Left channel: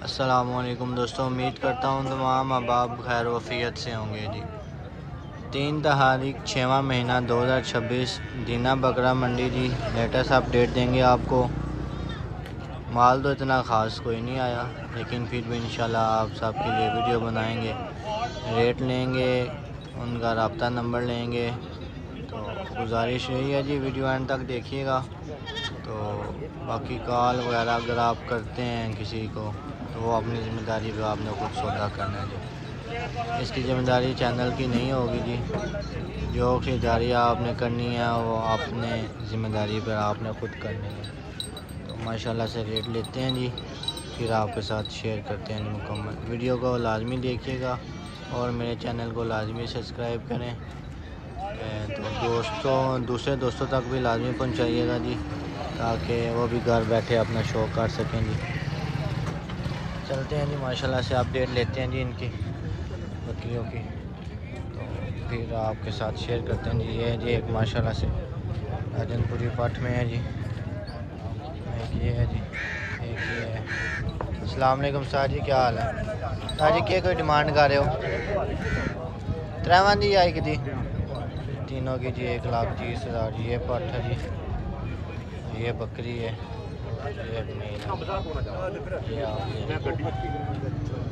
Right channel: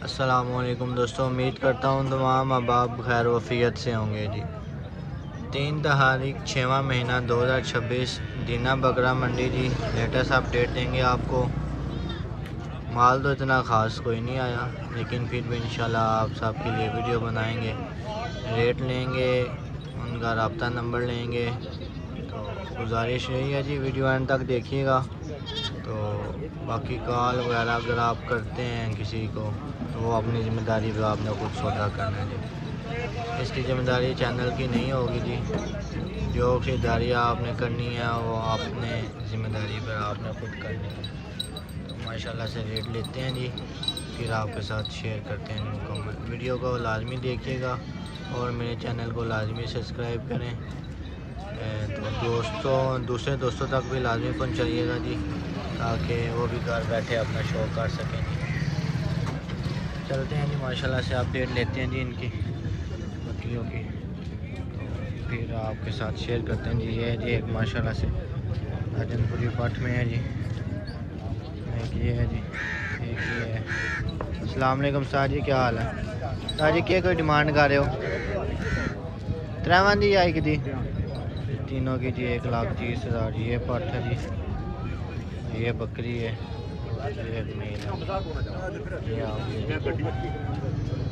अस्सलामुअलैकुम दोस्तों, उम्मीद करता हूँ तमाम अहबाब खैर वफ़ियत से होंगे जी। 3 तारीख 6वां महीना 2026 दीना बकरा मंडी जी। लेटेस्ट अपडेट देंगे आपको। माल तो इतना ख़ास कोई नहीं आया, लेकिन फिर भी इंशाल्लाह आप सबके लिए वीडियो बनाएंगे। रेट लेंगे, उनका रब्ता नंबर लेंगे। तो गुजारिश यही है जी, वीडियो एंड तक देखिएगा। तो बाकी कॉल वगैरह अगर आप करते हैं किसी को, तो वो अपनी ज़िम्मेदारी पे आपने खुद सौदा करना है जी। इसकी ज़िम्मेदारी चैनल की नहीं होगी जी। जो खरीदारी आपने करनी है वो अपने ज़िम्मेदारी पर आपने खुद करनी है। तो माशाल्लाह से रेट लेते हैं जी, फिर आपके साथ शेयर करते हैं मुकम्मल। वीडियो को लाजमी देखिएगा और मेरे चैनल को लाजमी सब्सक्राइब करें। तो दूसरे दोस्तों तक भी लाजमी पहुँचाइएगा जी, ताकि वो भी घर बैठे अपना शौक़ कर सकें जी। चलते हैं जी, माशाल्लाह से अपडेट लेते हैं जी इनकी बकरियों की, तो फिर आपके साथ शेयर करते हैं जी। ये जी एक माशाल्लाह से राजनपुरी पठ में है जी, एक ये है जी, एक ये है। अस्सलाम वालेकुम सर जी, क्या हाल है सर जी? क्या कोई डिमांड कर रहे हो? त्रैवां दी आई कि तीनों की जी 1,30,000 जी। ये पठ है जी, ये बकरी है, ये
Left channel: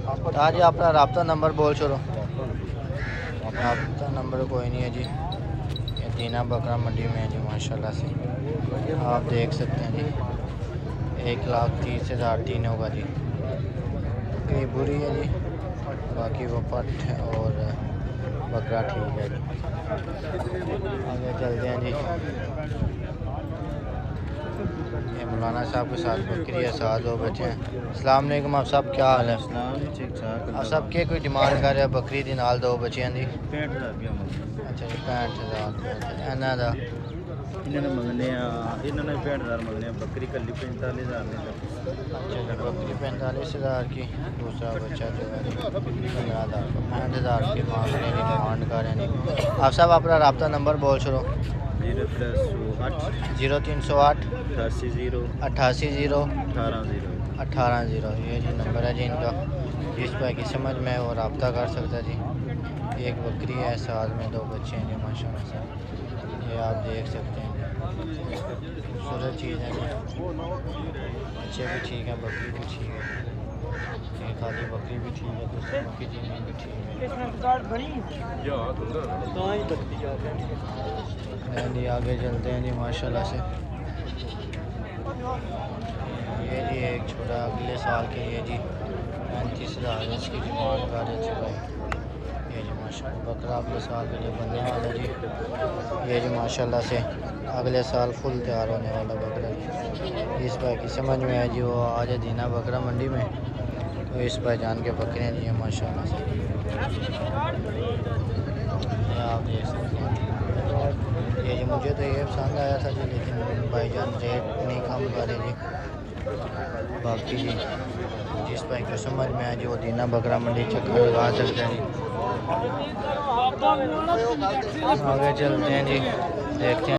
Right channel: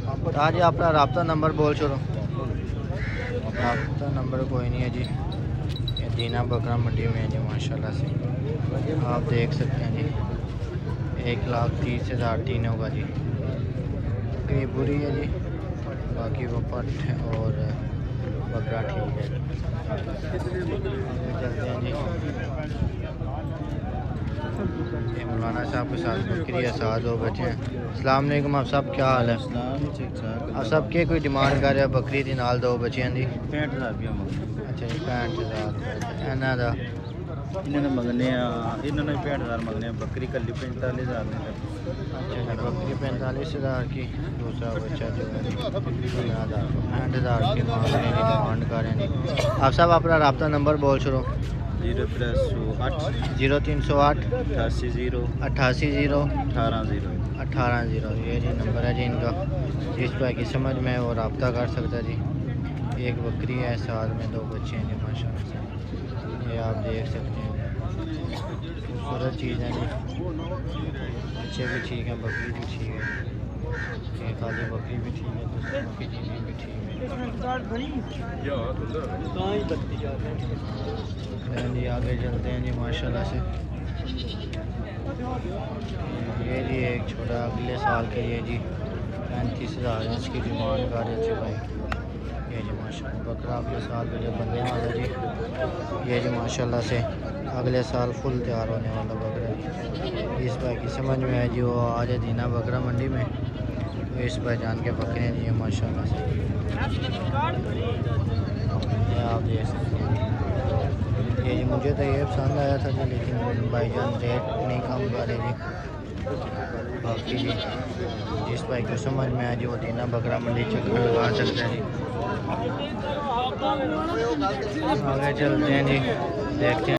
आप जी अपना रब्ता नंबर बोल छोड़ो। रब्ता नंबर कोई नहीं है जी। ये दीना बकरा मंडी में है जी, माशाल्लाह से आप देख सकते हैं जी। 1,30,000 तीनों का जी। बकरी बुरी है जी, बाकी वो पठ और बकरा ठीक है जी। चलते हैं जी। मौलाना साहब के साथ बकरी है, साथ हो बच्चे हैं। अस्सलाम वालेकुम, आप सब क्या हाल है? आप सब के कोई डिमांड कर रहे हैं बकरी दी नाल दो बच्चियां दी? 65,000 अच्छा 65,000 एना दा इन्होंने मंगने इन्होंने 65,000 मंगने बकरी कली 45,000 में। अच्छा जी, बकरी 45,000 की, दूसरा बच्चा जो है 15,000 65,000 की मांगने की डिमांड कर रहे हैं। आप सब अपना रब्ता नंबर बोल छोड़ो। 0308 0308 88 88 18 0 ये जी नंबर है जी इनका। जिस पर की समझ में वो रब्ता कर सकता है जी। एक बकरी है, साथ में दो बच्चे हैं जी, माशाल्लाह से ये आप देख सकते हैं। खूबसूरत चीज़ है जी, बच्चे भी ठीक हैं, बकरी भी ठीक है। ये खाली बकरी भी ठीक है, दूसरी बकरी भी ठीक है। आगे चलते हैं जी, माशाल्लाह से ये जी एक छोटा अगले साल के लिए जी 35,000 इसकी डिमांड कर रहे थे भाई। ये जी माशाल्लाह बकरा अगले साल के लिए बनने वाला जी। ये जी माशाल्लाह से अगले साल फुल तैयार होने वाला बकरा जी। इस भाई की समझ में है जी, वो आज दीना बकरा मंडी में, तो इस भाई जान के बकरियाँ दी हैं माशाल्लाह से। ये आप देख सकते हैं ये जी, मुझे तो ये पसंद आया था जी, लेकिन भाईजान रेट नहीं कम करे जी। बाकी जी जिस भाई को समझ में आए जी वो दीना बकरा मंडी चक्कर लगा सकते हैं जी। आगे चलते हैं जी, देखते हैं।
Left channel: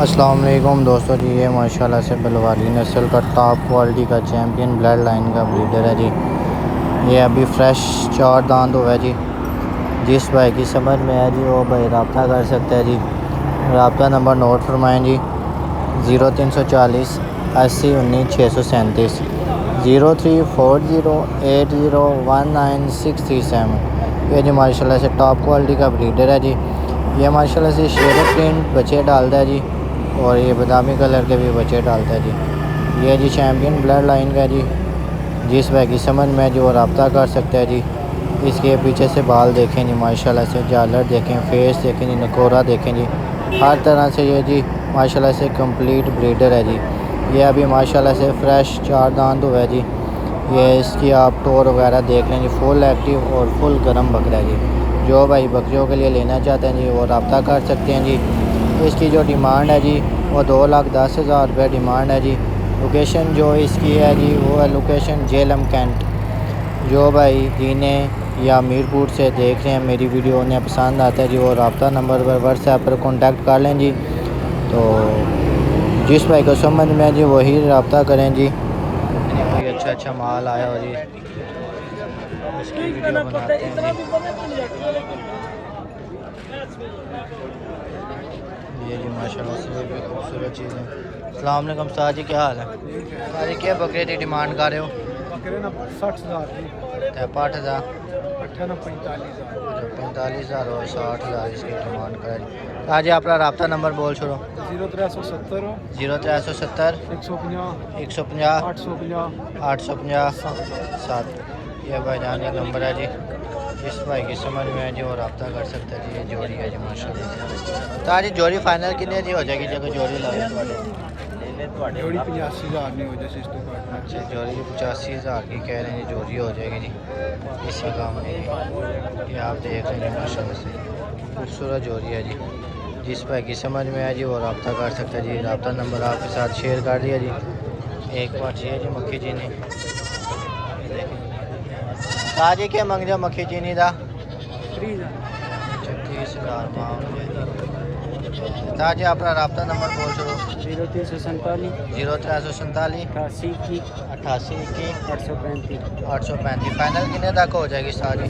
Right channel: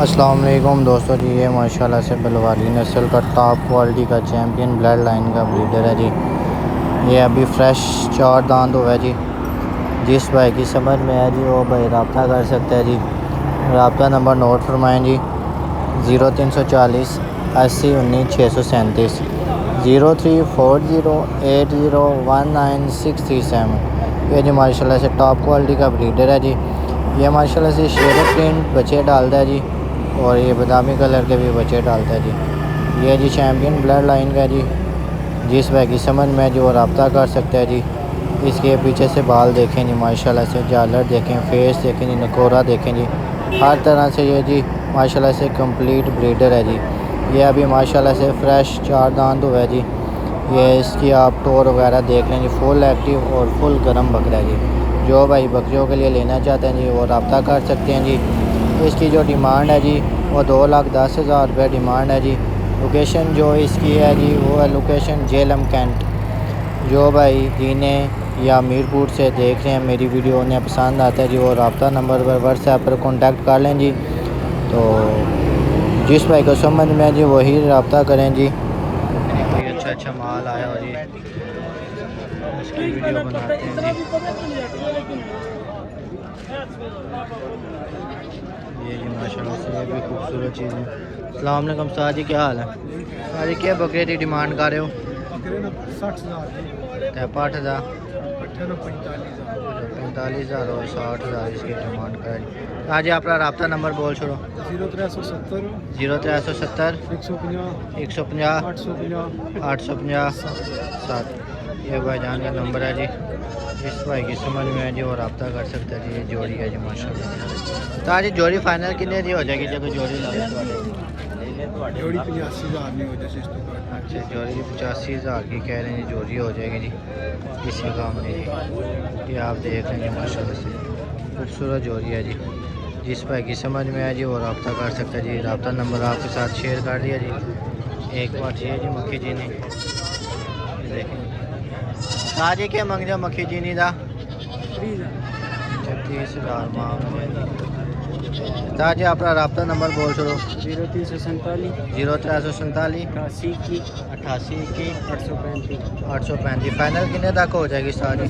अस्सलाम वालेकुम दोस्तों जी, ये माशाल्लाह से बलवाली नस्ल का टॉप क्वालिटी का चैम्पियन ब्लड लाइन का ब्रीडर है जी। ये अभी फ्रेश 4 दांत हुआ है जी। जिस भाई की समझ में है जी वो भाई रब्ता कर सकता है जी। रब्ता नंबर नोट फरमाएँ जी, 0340 80 19 637 0340 80 19 637। ये जी माशाल्लाह से टॉप क्वालिटी का ब्रीडर है जी। ये माशाल्लाह से शेर प्रिंट बच्चे डालता है जी, और ये बादामी कलर के भी बच्चे डालता है जी। ये जी चैम्पियन ब्लड लाइन का जी। जिस भाई की समझ में जो रब्ता कर सकता है जी। इसके पीछे से बाल देखें जी, माशाल्लाह से झालर देखें, फेस देखें जी, नकोरा देखें जी, हर तरह से ये जी माशाल्लाह से कंप्लीट ब्रीडर है जी। ये अभी माशाल्लाह से फ्रेश 4 दांत हुआ है जी। ये इसकी आप टोर वगैरह देख लें जी, फुल एक्टिव और फुल गर्म बकरा है जी। जो भाई बकरियों के लिए लेना चाहते हैं जी वो रब्ता कर सकते हैं जी। इसकी जो डिमांड है जी वो 2,10,000 रुपये डिमांड है जी। लोकेशन जो इसकी है जी वो है लोकेशन जेलम कैंट। जो भाई दीने या मीरपुर से देख रहे हैं मेरी वीडियो, उन्हें पसंद आता है जी वो रब्ता नंबर पर व्हाट्सएप पर कॉन्टैक्ट कर लें जी। तो जिस भाई को समझ में है जी वही रब्ता करें जी। अच्छा अच्छा माल आया और ये उसकी वीडियो बनाते हैं जी। ये जी माशाल्लाह से ये भी खूबसूरत चीज़ है। अस्सलाम वालेकुम साहब जी, क्या हाल है? साहब जी क्या बकरे की डिमांड कर रहे हो? 60,000 45,000 और 60,000 इसकी डिमांड कर। आज अपना रब्ता नंबर बोल छोड़ो। 0370 0370 150 850 7। ये भाईजान का नंबर है जी। इस भाई की समझ में है जी और रब्ता कर सकता है जी। ये जोड़ी है जी माशाल्लाह। तो आज जोड़ी फाइनल कितने की हो जाएगी जब जोड़ी लगे? जोड़ी 85,000 नहीं हो जैसे अच्छा जोड़ी की 85,000 की कह रहे हैं जोड़ी हो जाएगी जी। इससे काम नहीं जी। ये आप देख रहे हैं माशाल्लाह से खूबसूरत जोड़ी है जी। जिस भाई की समझ में है जी वो रब्ता कर सकता है जी। रब्ता नंबर आपके साथ शेयर कर दिया जी। एक बार चाहिए जी मक्खी चीनी आज ही क्या मंग जाओ मक्खी चीनी का 30,000 मांग लिया जी। ताजी अपना रब्ता नंबर बोल छोड़ो। 0347 88 835। फाइनल कितने तक हो जाएगी सारी?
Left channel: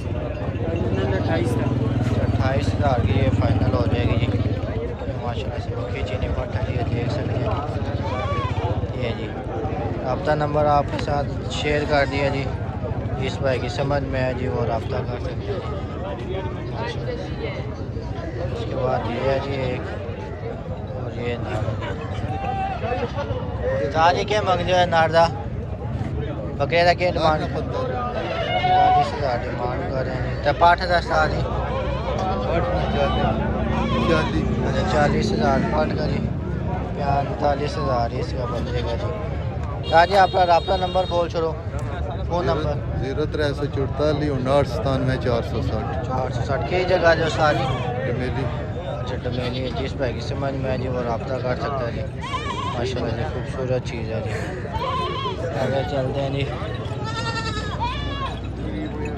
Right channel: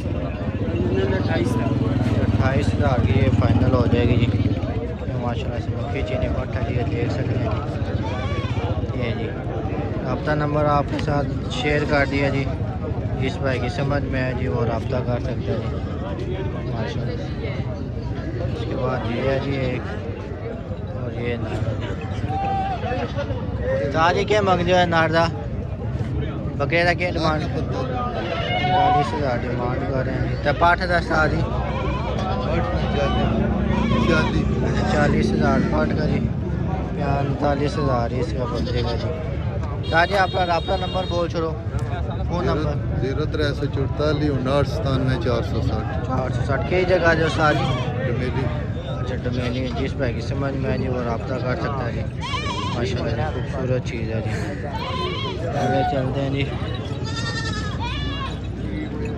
28,000 की ये फाइनल हो जाएगी जी। ये माशाल्लाह से मक्खी चीनी पट्टा जी देख सकते हैं ये जी। रब्ता नंबर आपके साथ शेयर कर दिया जी। जिस भाई की समझ में है जी वो रब्ता कर सकते हैं जी माशाल्लाह। उसके बाद ये है जी एक और ये नार सारी क्या मंग जो है नारदा बकरे का क्या डिमांड? 45,000 डिमांड कर रहे हैं जी। तो पाठ का सारी 40,000 पाठ का जी। 45,000 इसका बकरे का जी। ताजी आपका रब्ता नंबर बोल छोड़ो। फ़ोन नंबर 0344 59 460 460 कई जगह जो सारी डमेली। अच्छा डमेली। जिस भाई की समझ में है जी वो रब्ता कर सकता है जी माशाल्लाह जी। खूबसूरत चीज़ है जी। आगे चलते हैं जी।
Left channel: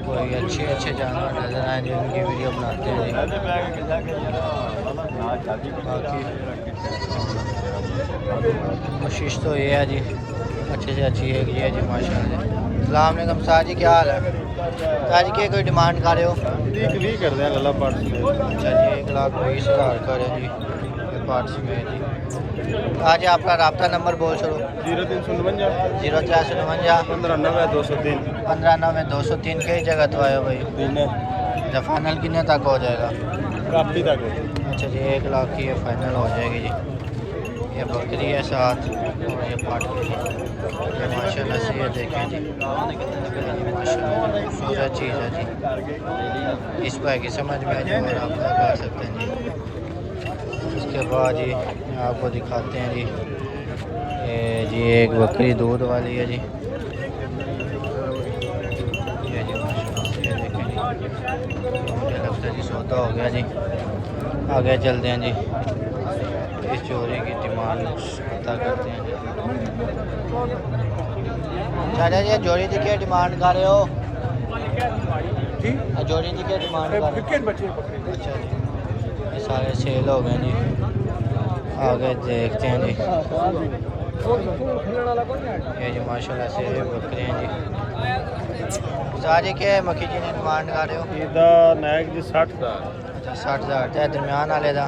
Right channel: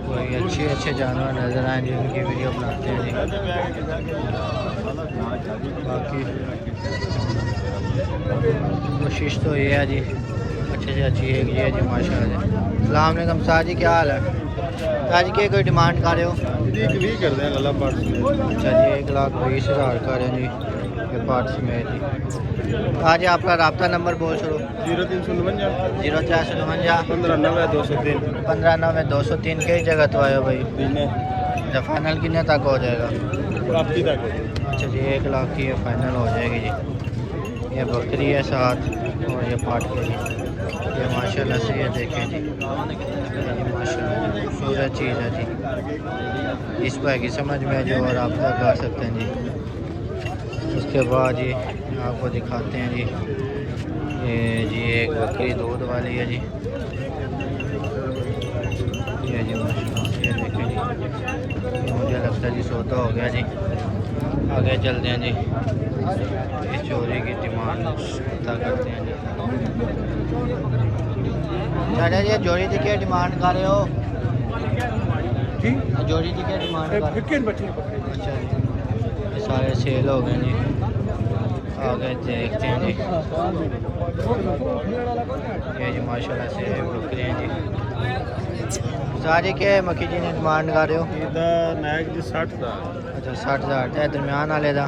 कोई अच्छे जानवर नज़र आए जी उनकी वीडियो बनाते हैं जी। बाकी कोशिश तो ये है जी अच्छे से अच्छी एक ये जी माशाल्लाह जी। अस्सलाम वालेकुम साहब जी, क्या हाल है? साहब जी क्या कोई डिमांड कर रहे हो? अच्छा जी 1,20,000 कर रहे हैं जी ये पार्ट्स में जी। आज आपका रब्ता नंबर बोल छोड़ो। 0349 15 203 कई जगह तो आया भाई। अच्छा फाइनल कितने तक हो जाएगा? अच्छा जी 1,00,000 की ये फाइनल हो जाएगी जी। ये बकरी है साथ और ये पाट के जी। ये माशाल्लाह से ये देखें जी। ये माशाल्लाह खूबसूरत चीज़ है जी। इस भाई की समझ में है जी और रब्ता कर सकते हैं जी। उसके बाद जी आपको दिखाते हैं जी ये जी एक बकरी दूध वाली है जी। ये जी माशाल्लाह ये देखें जी। मुझे लगता है जी सौदा हो गया जी। आगे चलते हैं जी। इस चोरी की डिमांड पता करते हैं। चाचा जी जोड़ी की क्या डिमांड कर रहे हो? जोड़ी की क्या डिमांड कर रहे हो? अच्छा जी ये सारे सेल हो गए जी। आगे देखते हैं जी। ये जी माशाल्लाह से बकरे हैं जी। सारे क्या मक्खी जी ने डिमांड कर रहे हो? नायक जी 60,000 अच्छा 60,000 है दरम्यान वाले का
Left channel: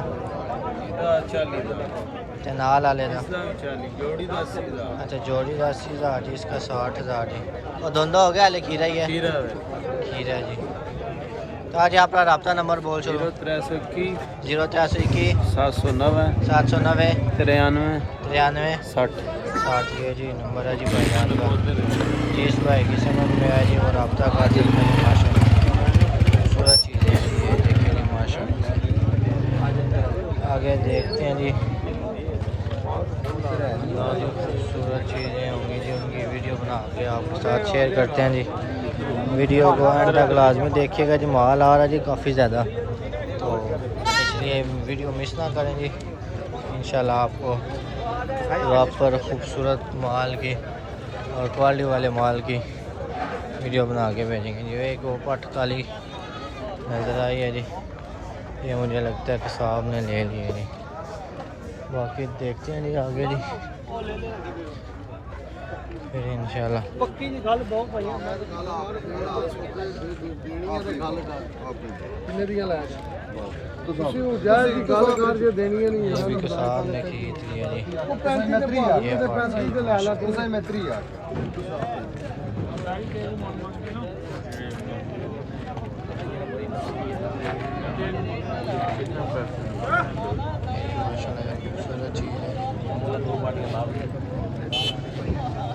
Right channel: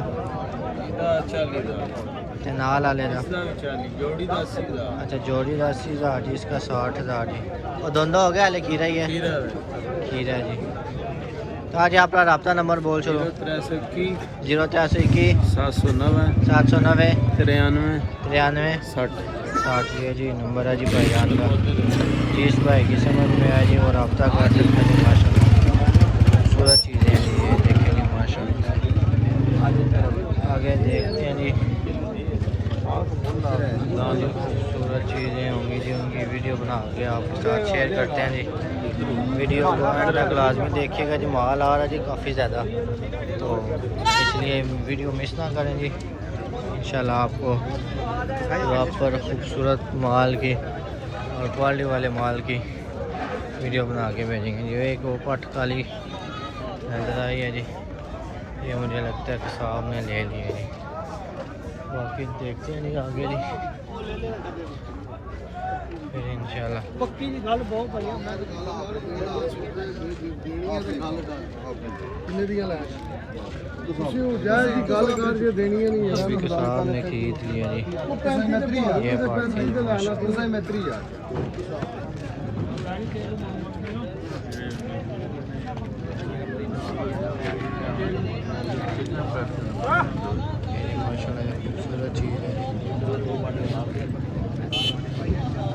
40,000 ते नाल वाले का। जोड़ी 80,000 अच्छा जोड़ी का 80,000 जी इसका 60,000 जी। और दोनों हो गया हाले खीरा ही है? खीरा जी। तो आज आपका रब्ता नंबर बोल छोड़ो। 0321 0321 709 709 93 93 60 60 ये जी नंबर है जी भाईजान का। जिस भाई की समझ में आए जी वो रब्ता कर सकता है माशाल्लाह। खूबसूरत चीज़ें हैं ये देखेंगे माशाल्लाह। आगे देखते हैं जी। खूबसूरत चीज़ें होंगी जी उनकी वीडियो बना के आपके साथ शेयर करते हैं जी। वीडियो को अंत तक लाजमी देखिएगा जी। माल आ रहा है जी काफ़ी ज़्यादा तो इसलिए वीडियो मिस ना करें जी। इंशाल्लाह आपको प्रॉपर खूबसूरत माल की और क्वालिटी वाले माल की वीडियो बना के भेजेंगे जी। एक वो पट काली नजर आई है जी। ये मुझे लगता है कि साहब ने ले लिया जी। बाकी देखते हैं जी आगे जी। फिर इंशाल्लाह पक्की जी गल बहुत भाई किन्ने दी लै ਤੁਸੀਂ ਉਹ ਜਾਇਜ਼ ਦੀ ਗੱਲ ਕਰਕੇ ਦੇਣੀਆਂ ਨਹੀਂ ਯਾਰ रफीक साहब ने खरीद लिया जी ये पार्टी ਤੁਸੀਂ ਮਿੱਤਰੀ ਯਾਰ माशाल्लाह खूबसूरत चीज़ है।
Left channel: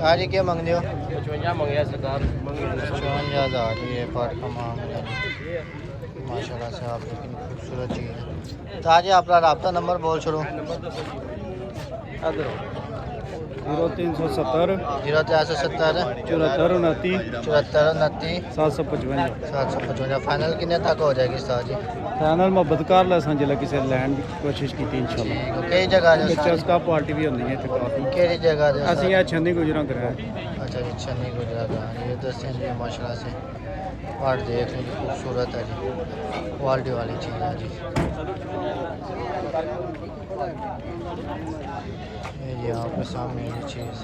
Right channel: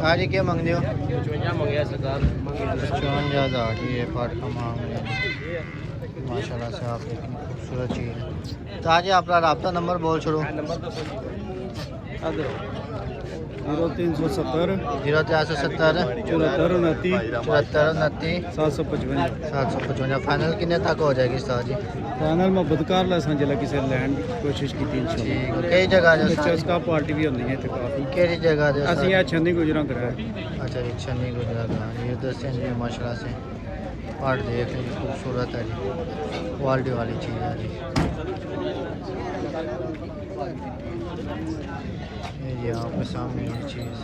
हाँ जी क्या मंगते हो? 55 ਮੰਗਿਆ ਸਰਕਾਰ 55,000 ये पार्ट का मांग रहे हैं माशाल्लाह से आप लेकिन खूबसूरत चीज़ है। तो आज आपका रब्ता नंबर बोल छोड़ो। नंबर तो 0370 0370 74 29 74 29 755 755 फाइनल कितने तक हो जाएगी उस्ताद जी? फाइनल मोहब्बत कर ला सन जिला किसी लैंड की कोशिश की इंशाल्लाह ठीक कई जगह जो चस्का पार्टी भी होंदी है ते काफी केड़ी जगह जो ਅਸੀਂ ਆ ਛੰਦੀ ਗੁਜਰਾਂ ਕਰਾਇਆ अच्छा जी छन्नी गुजरात हाँ ये तो सेंधी माशाल्लाह से पार्ट देख लीजिए खूबसूरत है जी क्वालिटी वाली चीज़ है जी। ये आपके सामने ये चीज़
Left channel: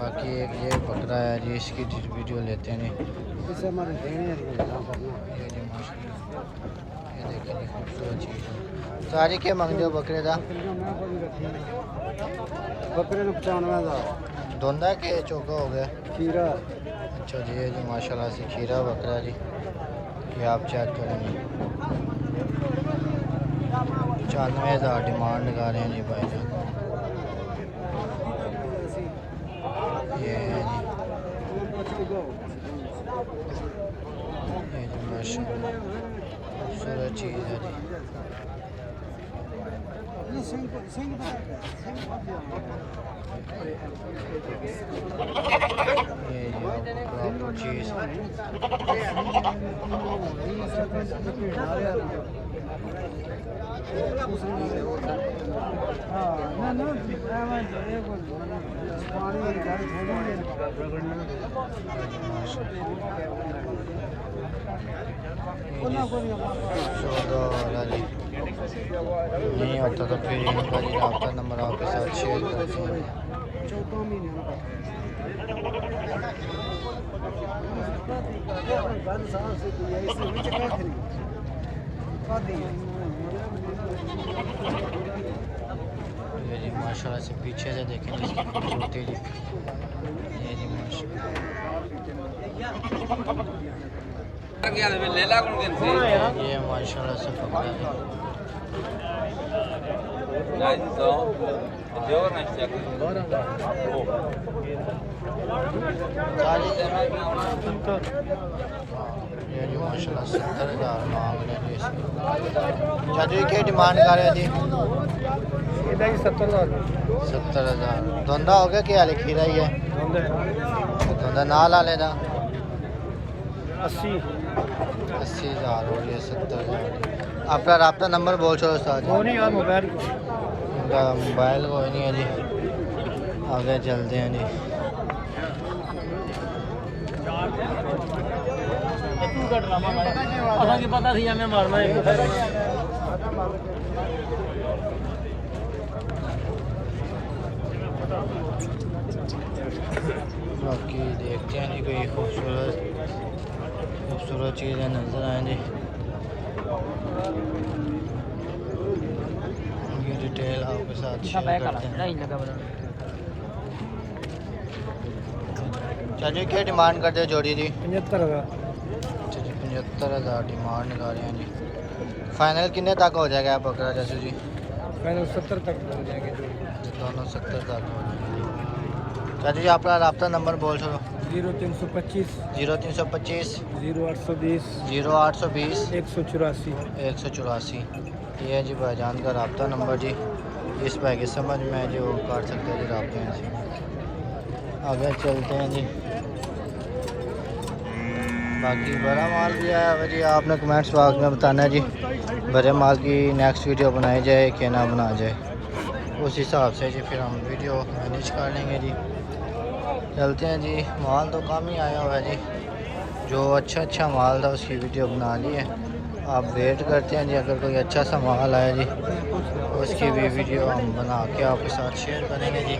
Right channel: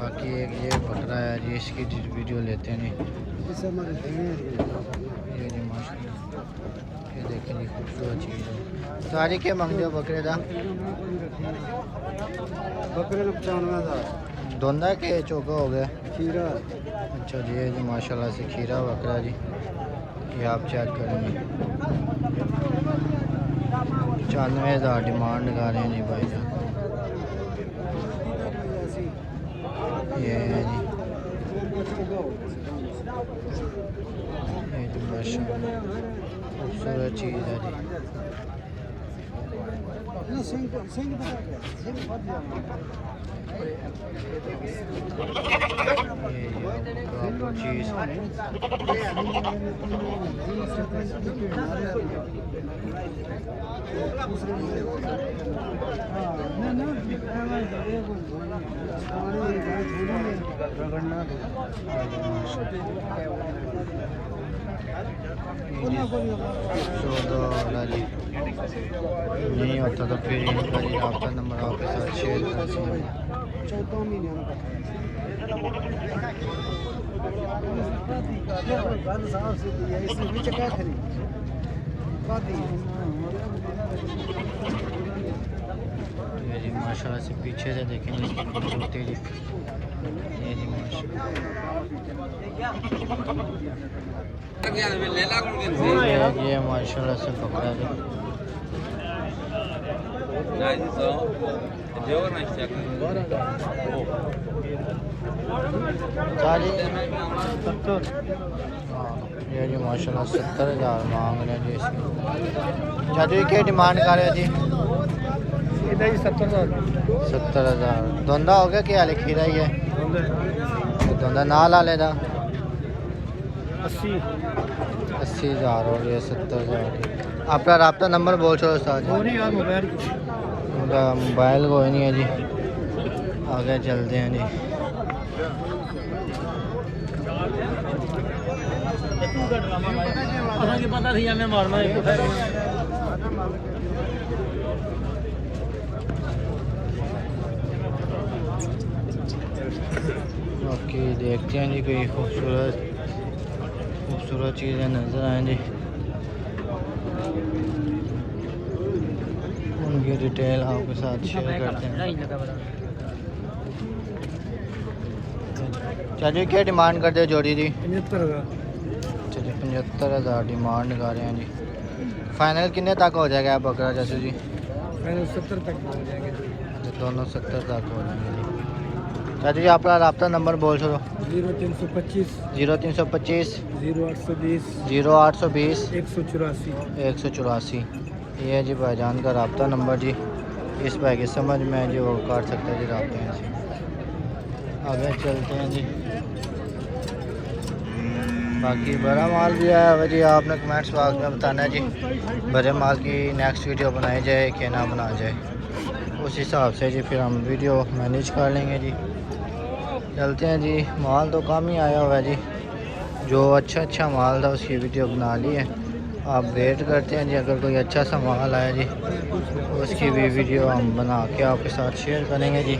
बाकी एक ये बकरा है जी इसकी वीडियो लेते हैं ये जी माशाल्लाह ये देखें जी खूबसूरत चीज़ है। सारी के मंगते हो बकरे का? बकरे को 95 धोंदा के चौका हो गया? खीरा अच्छा जी ये जी माशाल्लाह से खीरा बकरा जी ये आप चेक करेंगे 95,000 डिमांड लगा रहे हैं जी भाई साहब। ये है जी ये तो माशाल्लाह खूबसूरत चीज़ है जी। सिंह बता क्या सिंह बहुत ज्यादा प्रॉपर चीज़ नहीं होता तो फिर इनका जी आपका नंबर आपके साथ शेयर कर देंगे। 14 महीने ये जी माशाल्लाह से पीछे से देखेंगे इसकी खूबसूरती जी ये जी माशाल्लाह ये माशाल्लाह से पकड़ा जी ये जी माशाल्लाह 70,000 मांग रहे हैं जी इसकी। चाची क्या डिमांड कर रहे हैं जी? 70,000 धोंदा हो गया क्या खीरा ही है धोंदा ना ला लेना 80,000 हो गया 70,000 आपका रब्ता नंबर बोल छोड़ो साथ मोबाइल कोई नहीं है जी आगे चलते हैं जी। पता थी हमने मारना है बाकी देखते हैं जी कोई खूबसूरत चीज़ें नज़र आए जी उनकी डिटेल आपके साथ शेयर करते हैं। चलिए क्या डिमांड करते हो जोड़ी जी? 75,000 अच्छा जी 75,000 डिमांड कर रहे हैं जी। फाइनल कितने तक हो जाएगा आप बकरा जैसे जी? 70 तक हो जाएगी दोनों 70 तक हो जाएंगे। चाची जी आपका रब्ता नंबर बोल छोड़ो। 0325 0325 0820 0820 184 184 ये है जी भाईजान का रब्ता नंबर जी। इस भाई की समझ में है जी वो काट सकते हैं जी रब्ते में से। आगे चलते हैं जी। बाकी बड़ा माल भी आया हुआ जी आपने कमेंट्स बॉक्स में बताना है जी बड़े माल की नेक्स्ट वीडियो बनाई जाए कि ना बना जाए उस हिसाब से जी फिर हम वीडियो मैनेज कर लेंगे जी। चलते हैं जी। माल तो कम ही आया हुआ है जी जो अच्छा माल था उसकी वीडियो बना ली है आप वेट करते हैं जी। अगर कोई अच्छा सा माल आया जी उसकी भी वीडियो हम बना के आपके साथ शेयर करेंगे जी।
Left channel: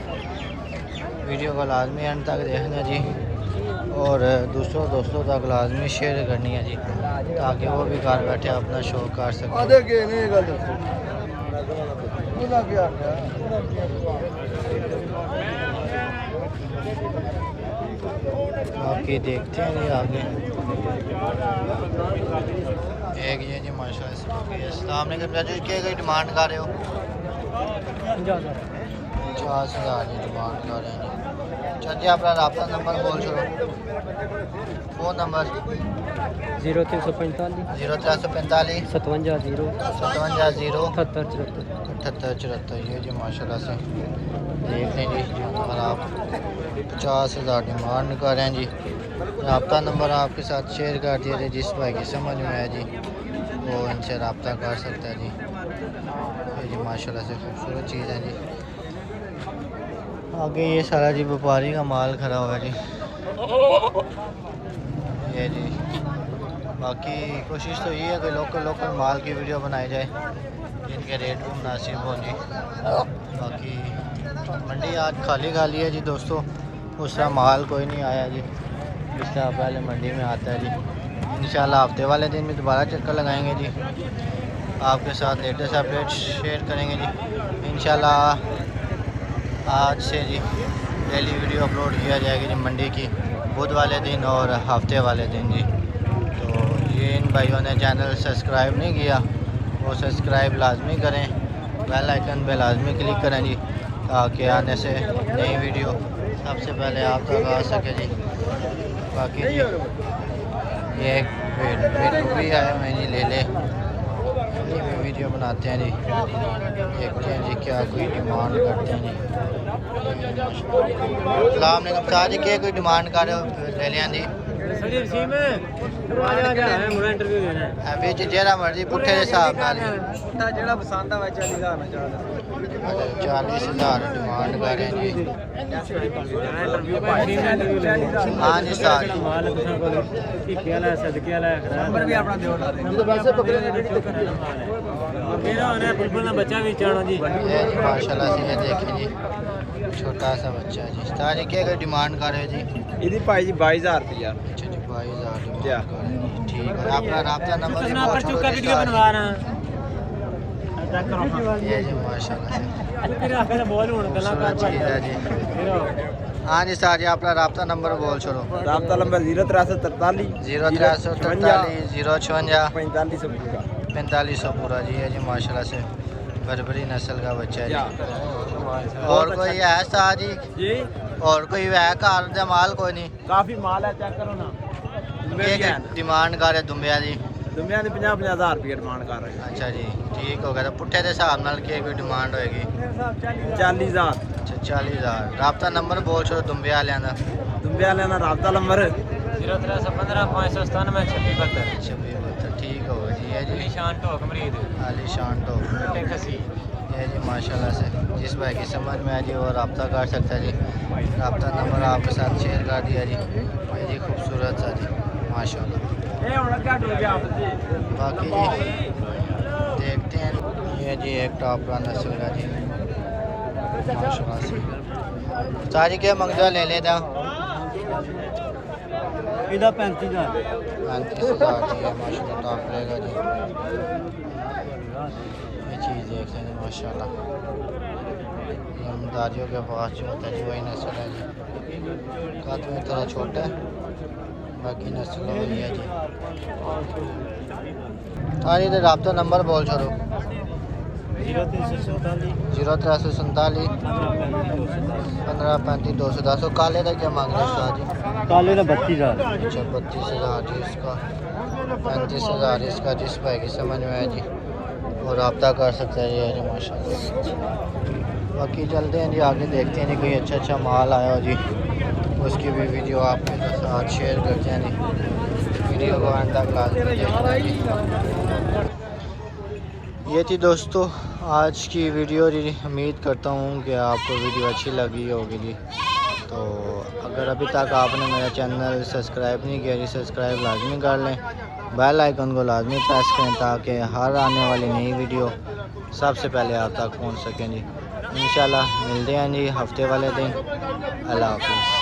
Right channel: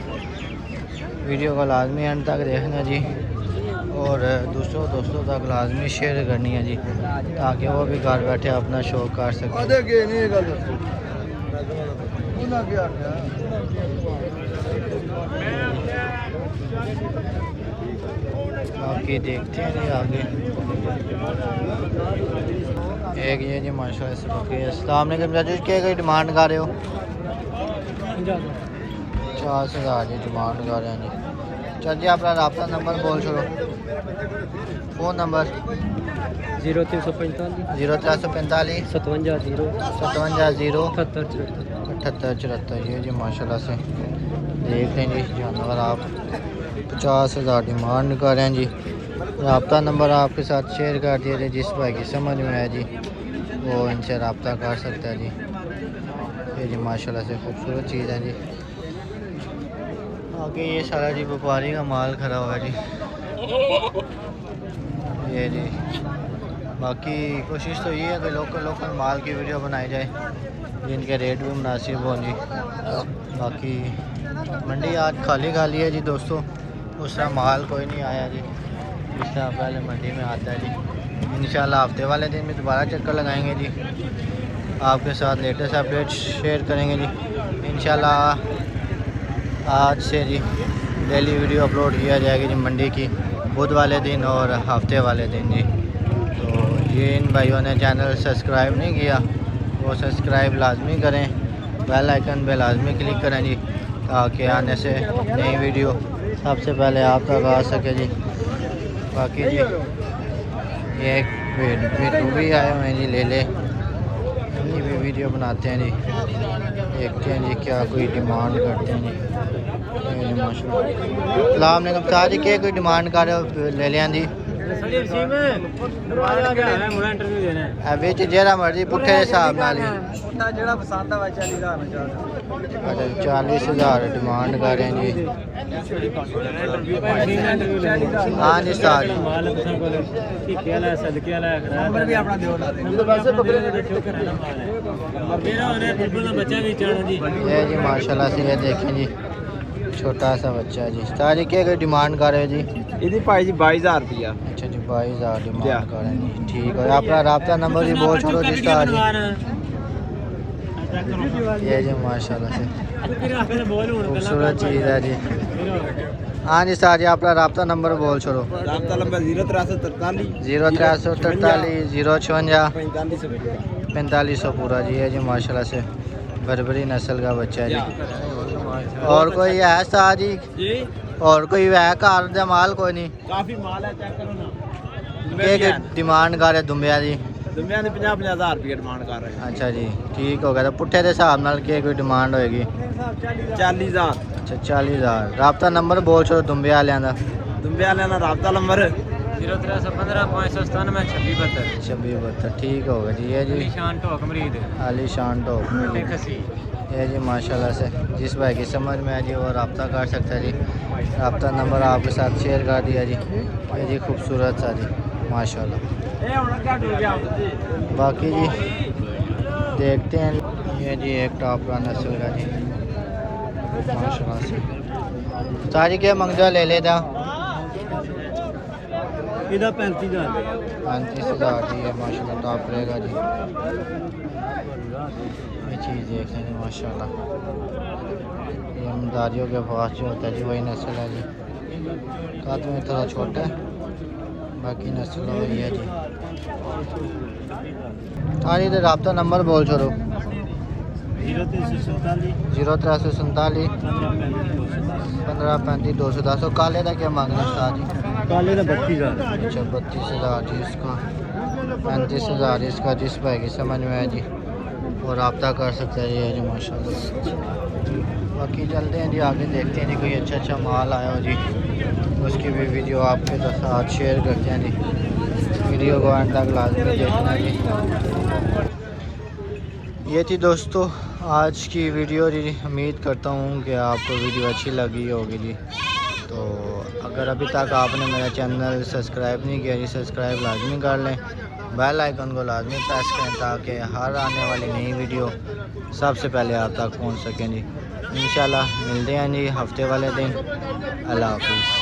वीडियो को लाजमी एंड तक देखना जी और दूसरों दोस्तों तक लाजमी शेयर करनी है जी ताकि वो भी घर बैठे अपना शौक कर सकें। बाकी देखते हैं जी आगे। एक ये जी माशाल्लाह से क्या डिमांड कर रहे हो? 50,000 की डिमांड कर रहे हैं। चल जी अपना रब्ता नंबर बोल छोड़ो। फ़ोन नंबर 0345 0345 57 57 78 78 ये जी माशाल्लाह से देख लेंगे जानवर आप 50,000 डिमांड कर रहे हैं जी। रब्ता नंबर आपके साथ शेयर कर दिया जी। जिस भाई की समझ में आए जी वो इनसे रब्ता कर सकता है जी। ये जी माशाल्लाह से खूबसूरत चीज़ है जी। आगे ये सारा जी व्यापारी का माल खड़ा हुआ है जी। ये जी बाकी कोशिश तो ये है कि लोकल माल की वीडियो बनाई जाए जिनके रेट भी मुनासिब होंगे। बाकी मंडी आज खाली है जी दोस्तों। दूसरा माल कोई नहीं आया जी जिससे आप पहले मंडी में आता है जी। इंशाल्लाह हफ्ते वाले दिन में दोबारा चक्कर लगाएंगे जी। आपके साथ लेटेस्ट अपडेट शेयर करेंगे जी इंशाल्लाह। आज से जी डेली वीडियो अपलोड किया जाएगी जी मंडी की बुध वाले दिन और हफ्ते वाले दिन जी। तो ये इन भाइयों ने चैनल सब्सक्राइब नहीं किया वो सब्सक्राइब लाजमी करें। बेल आइकन पे लाजमी क्लिक करें जी ताकि आने से नई वीडियो सबसे पहले आप तक आ सके जी। बाकी जी ये एक भी आए हुए हैं जी ले ले ये भी वीडियो बनाते हैं जी। देखते हैं जी क्या कोई डिमांड करते हैं जी। सलाम जी क्या कोई डिमांड कर रहे हो ले लिया जी? अभी जेड़ा मर्जी पुट्ठे हिसाब नाल 40,000 डिमांड कर रहे हैं जी। हाँ जी सर माशाल्लाह से ये देखें जी छोटा सा बच्चा जी। सारी क्या कोई डिमांड कर रहे हो जी? ਇਹਦੀ ਭਾਈ जी 22,000 रुपया। अच्छा जी 22,000 डिमांड कर रहे हैं जी। ठीक है अपना रब्ता नंबर भी बोल छोड़ो जी। ये जी माशाल्लाह से खूबसूरत चीज़ है जी। हाँ जी सर जी अपना रब्ता नंबर बोल छोड़ो। रब्ता नंबर 0343 0343 056 4500 पूरा जी। है जी माशाल्लाह से बरबरी नस्ल का बच्चा है जी। और कोई है सर जी? और कोई है कार का माल कोई नहीं? काफी माल है चेक करो ना। डिमांड कर रहे दुम्बिया जी? दुम्बिया ने 50,000 रुपया डिमांड कर रहे हैं। अच्छा जी ठीक हो गया। तो पुट्ठे के हिसाब नाल क्या कोई डिमांड होएगी? 40,000। अच्छा 40,000। रब्ता नंबर बोल छोड़ो दुम्बिया वालियां दा। दुम्बिया वालियां दा रब्ता नंबर 0315 597 2672 2672 ठीक हो गया जी। ये जी निशान टोक मरीद आलीशान टॉप ये जी माशाल्लाह से जिस भाई की समझ में है जी वो रब्ता कर सकता है जी। रब्ता नंबर आपके साथ शेयर कर दिया जी। ये जी खूबसूरत सा जी माशाल्लाह। बाकी जी देखते हैं ये जी एक टॉप नस्ल का जी माशाल्लाह से। सारी क्या मंगजा ले लेता? ਇਹਦਾ 35,000 35,000 जी ये माशाल्लाह टॉप रहेगा जी। ये चीज़ देखें जी माशाल्लाह ये मदारियों के पास जो होता है जी वही नस्ल है जी। कद में थोड़ा छोटा है बाकी नस्ल वही है जी। हाँ जी तो रब्ता नंबर बोल छोड़ो। 0347 0347 15 35 210। और काले का क्या मांग रहे हैं जी? काले का 32,000। अच्छा 32,000 जी इसका 35,000 इसका जिस भाई की समझ में है जी और रब्ता कर सकते हैं ये जी माशाल्लाह। बाकी चलते हैं जी आगे देखते हैं जी कोई अच्छा माल आया हो जी उसकी भी वीडियो आपके साथ शेयर करते हैं जी। वीडियो को अंत तक लाजमी देखना है जी। ये थी दोस्तों आज की वीडियो जी। उम्मीद करता हूँ कि आपको वीडियो अच्छी लगी होगी जी। तो अगर अभी तक आपने मेरा चैनल सब्सक्राइब नहीं किया जी सब्सक्राइब लाजमी कर लें बेल आइकन को लाजमी प्रेस करें ताकि हर आने वाली नई वीडियो सबसे पहले आप तक पहुंच सकें जी। इंशाल्लाह मिलते हैं जी हफ्ते वाले दिन। अल्लाह हाफिज़।